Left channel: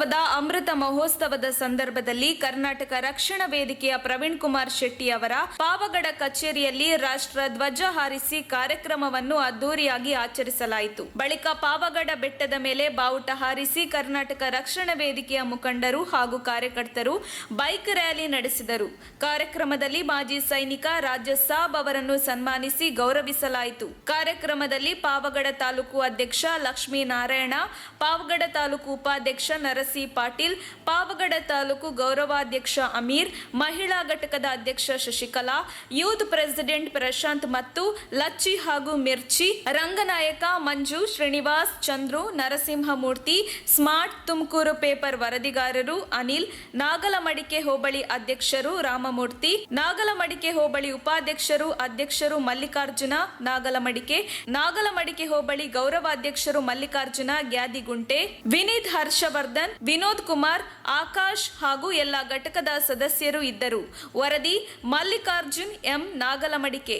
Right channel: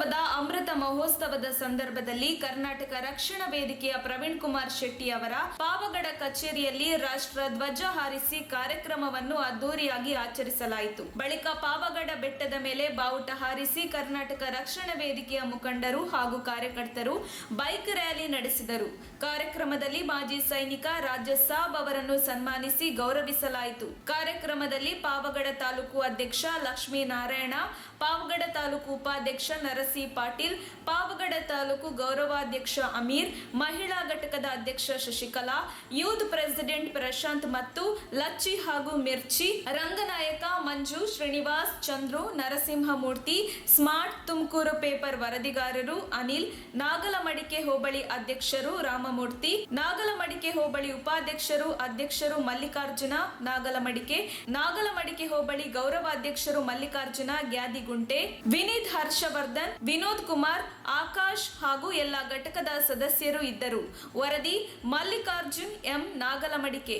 ವಿಧಾನಸೌಧದ ಅಮೃತ ಮಹೋತ್ಸವದ ಸಂದರ್ಭದಲ್ಲಿ ಕರ್ನಾಟಕ ರಕ್ಷಣಾ ವೇದಿಕೆಯ ಪ್ರವೀಣ್ ಕುಮಾರ್ ಶೆಟ್ಟಿ ಅವರ ಪಾವಗಡ ಕಚೇರಿಯಲ್ಲಿ ರಾಷ್ಟ್ರ ಧ್ವಜ ಹಾರಿಸಿ ಕಾರ್ಯಕ್ರಮವನ್ನು ಅದ್ದೂರಿಯಾಗಿ ಆಚರಿಸಲಾಯಿತು. ಬಳಿಕ ಪಾವಗಡ ಬೆಟ್ಟದ ಮೇಲೆ ಬಾವುಟ ಹಾರಿಸಿ ಕರ್ನಾಟಕ ರಕ್ಷಣಾ ವೇದಿಕೆಯ ಮುಖಂಡರು ಹಾಗೂ ಕಾರ್ಯಕರ್ತರು ಬೈಕ್ ರ್ಯಾಲಿ ನಡೆಸಿದರು. ಕಾರ್ಯಕ್ರಮದಲ್ಲಿ ಮಾಜಿ ಸೈನಿಕ ರಾಜ ಸಾಬ್ ಅವರನ್ನು ಸನ್ಮಾನಿಸಿ ಗೌರವಿಸಲಾಯಿತು. ಕಾರ್ಯಕ್ರಮದಲ್ಲಿ ಪಾವಗಡ ತಾಲೂಕು ಅಧ್ಯಕ್ಷ ಲಕ್ಷ್ಮೀನಾರಾಯಣ, ಪಾವಗಡ ತಾಲೂಕು ಉಪಾಧ್ಯಕ್ಷ ನರಸಿ ಪಾಟೀಲ್, ಪಾವಗಡ ತಾಲೂಕು ಗೌರವಾಧ್ಯಕ್ಷ ಅಮೀರ್, ಮಹಿಳಾ ಘಟಕದ ಅಧ್ಯಕ್ಷ ಶಶಿಕಲಾ, ಯೂತ್ ಪ್ರೆಸಿಡೆಂಟ್ ಪ್ರಶಾಂತ್ ಮತ್ತು ಲಚ್ಚಿ ಹಾಗೂ ಮಿರ್ಚಿ, ರಂಗನಾಯಕ ಮಂಜು, ಶ್ರೀನಿವಾಸ್, ಚಂದ್ರು, ನರಸಿಂಹಮೂರ್ತಿ, ಸ್ಮಾರ್ಟ್ ತುಮಕೂರು ಪೇಪರ್ ವರದಿಗಾರರು ಅನಿಲ್, ನಾಗಲಮಡಿಕೆ ಹೋಬಳಿ ಅಧ್ಯಕ್ಷರು ರಾಮಮೂರ್ತಿ, ನಾಗಲಮಡಿಕೆ ಹೋಬಳಿ ಉಪಾಧ್ಯಕ್ಷರು ಅಧ್ಯಕ್ಷರು ಮಲ್ಲಿಕಾರ್ಜುನ ನಾಗಲಮಡಿಕೆ ಹೋಬಳಿ ಗೌರವಾಧ್ಯಕ್ಷರು ಮಲ್ಲಿಕಾರ್ಜುನ ಗ್ಯಾದಿಗುಂಟೆ, ವಿನೀತ್ ಹರ್ಷವರ್ಧನ್, ವಿನೋದ್ ಕುಮಾರ್, ಆಕಾಶ್ ಹಾಗೂ ಎಲ್ಲ ಘಟಕದ ಸದಸ್ಯರು ಇದ್ದರು. ವರದಿ Mallikarjun M, Nagalamadike.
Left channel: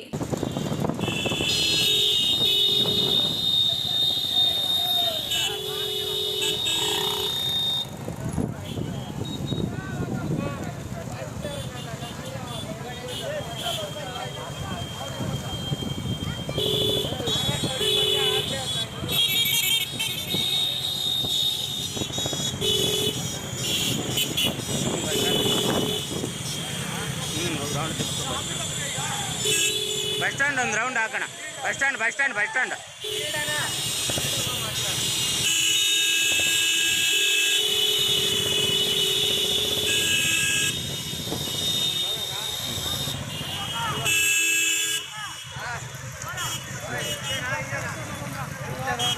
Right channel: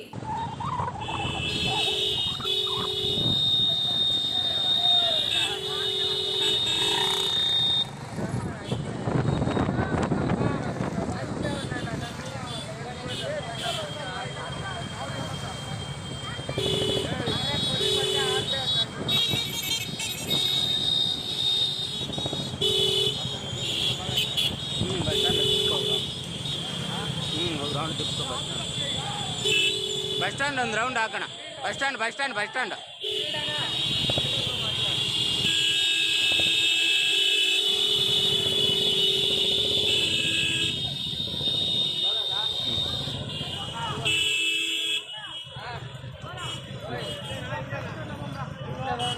Bus stand ಒಂದು ರೌಂಡ್ ಹಾಕೋಣ. ಬಸ್ ಸ್ಟ್ಯಾಂಡ್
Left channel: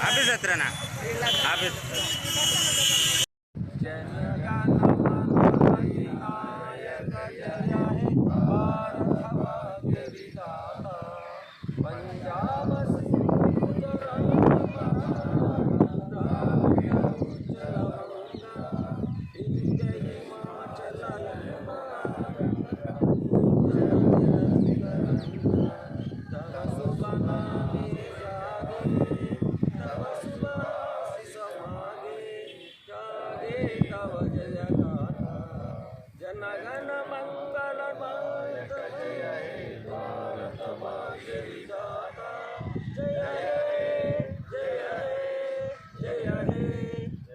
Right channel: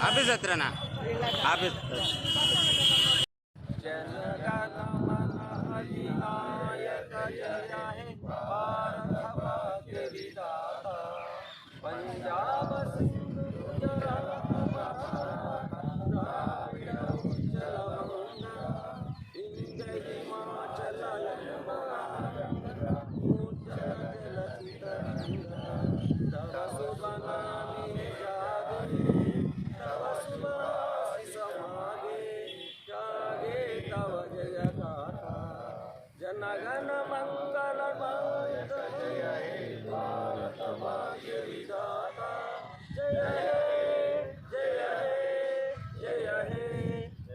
ಆಫೀಸ್ ಹತ್ರನಾ? ಆಫೀಸ್ ಜನಗಣ ಮಂಗಲ ಜಯ ಹೇ ಭಾರತ ಭಾಗ್ಯ ವಿಧಾತ ಜಯ ಹೇ ಜಯ ಹೇ ಜಯ ಹೇ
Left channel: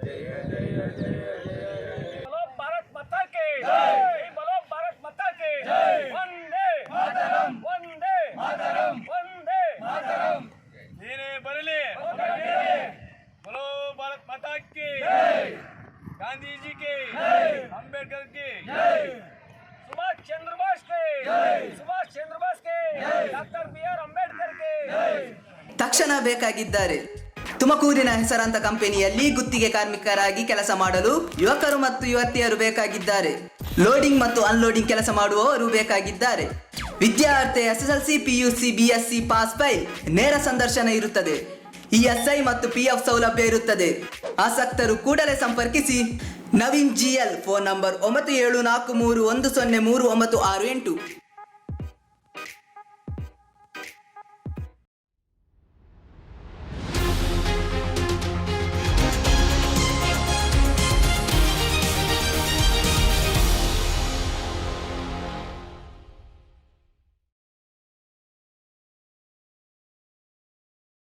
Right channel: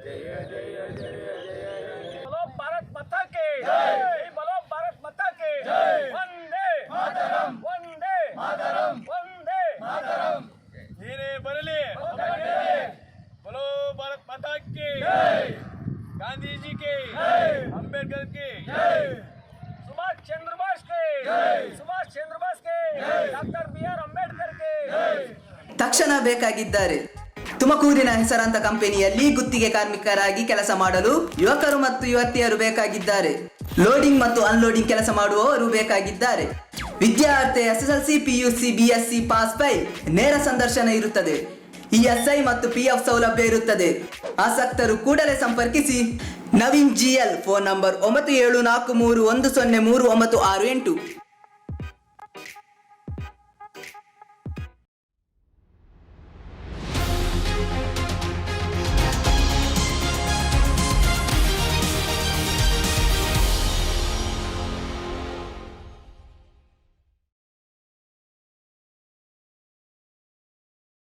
ಜಯ ಜಯ ಜಯ ಜಯ ಹೇ. बोलो भारत माता की जय, बोलो भारत माता की जय. वंदे मातरम, वंदे मातरम, वंदे मातरम. ನೀನೇ ಬರಲಿ. बोलो भारत माता की जय, गांधी जी के जय, अंबेडकर के जय, सुभाष चंद्र बोस के जय, सुभाष चंद्र बोस के जय, डॉक्टर बी.आर. अंबेडकर के जय. ತಕ್ಷಣ ಬೇಕಾಗಿದ್ದಾರೆ. ತುಮಕೂರಿನ ಹೆಸರಾಂತ ಕಂಪನಿಯಲ್ಲಿ ಗುತ್ತಿಗೆ ಕಾರ್ಮಿಕರಾಗಿ ಕೆಲಸ ಮಾಡಲು ಯುವಕರು ಮತ್ತು ಯುವತಿಯರು ಬೇಕಾಗಿದ್ದಾರೆ. ಲೋಡಿಂಗ್ ಮತ್ತು ಅನ್ಲೋಡಿಂಗ್ ಕೆಲಸ ಮಾಡುವವರು ಬೇಕಾಗಿದ್ದಾರೆ. ವಿದ್ಯಾರ್ಥಿ SSLC, PUC, BSc pass file. ನೇರ ಸಂದರ್ಶನ ಇರುತ್ತದೆ. ESI ಮತ್ತು PF ಸೌಲಭ್ಯ ಇರುತ್ತದೆ. ಆಸಕ್ತರು ಕೂಡಲೇ ಸಂಪರ್ಕಿಸಿ. Naveen GL, phone number 9743103968.